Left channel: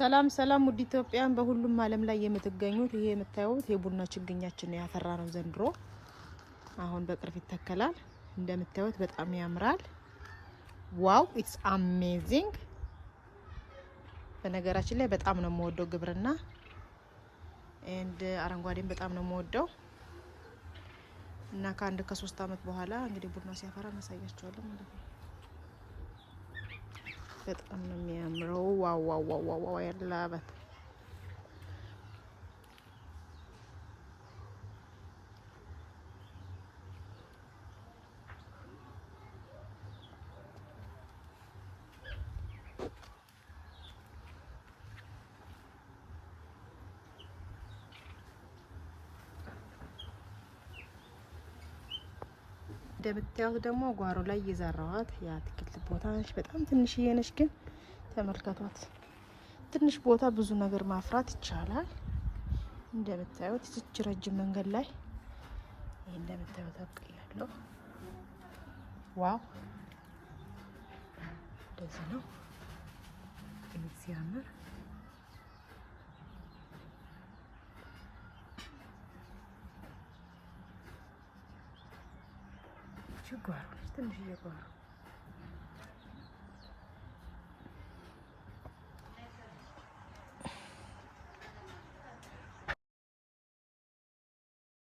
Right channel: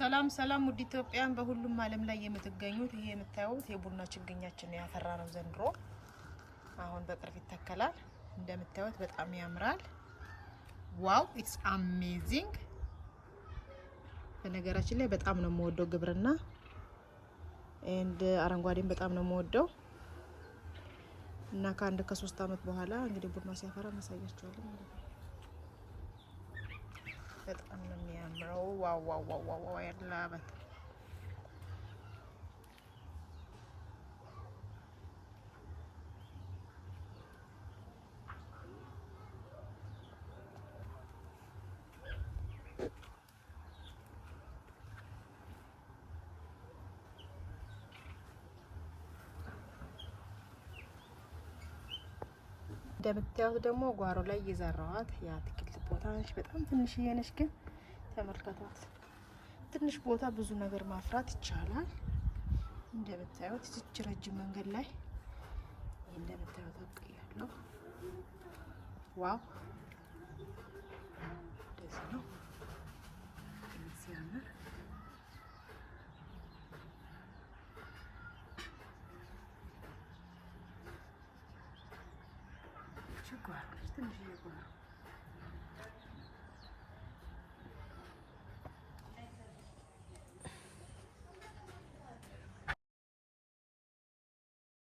ሰላም ሰላም ውድ ኢትዮጵያን በሁሉም ዓለም ላይ የምትገኙት ይሄ የምታዩት የቡና ችግኛችን ያፈራ ነው። ዘንድሮ አሁን በቅርብ ይተከላል። እንደምታዩት በጣም ያምራል። ዋው ኢትስ አሜዚንግ። በነገራችን ላይ በጣም ነው የምወደው ግብርና አረንጓዴም በጣም ነው የምወደው እና ከአንድ ከ3 አመት በኋላ እንግዲህ ቡና ሲያፈራ ማሳያችኋለሁ ማለት ነው። በጣም ነው የሚያምረው። ዋው ዋው ዋው ዋው ያላበት እንደምታዩት ደግሞ ጓሮ ላይ የዘራኋት የአትክልት ቦታ ነች። በጣም ትንሽዬ ነች፣ ግን ተመልከቷት። ትንሽ ቦታ ብዙ ነገር ማፍራት ይቻላል። እንደምታዩት እዚች ረጅም መንገድ ላይ ይሄ እንደምታዩት አብቅያለሁ። ዋው እንደዚህ ነው ሲያምር። ጓሮ ትንሽዬ ጓሮ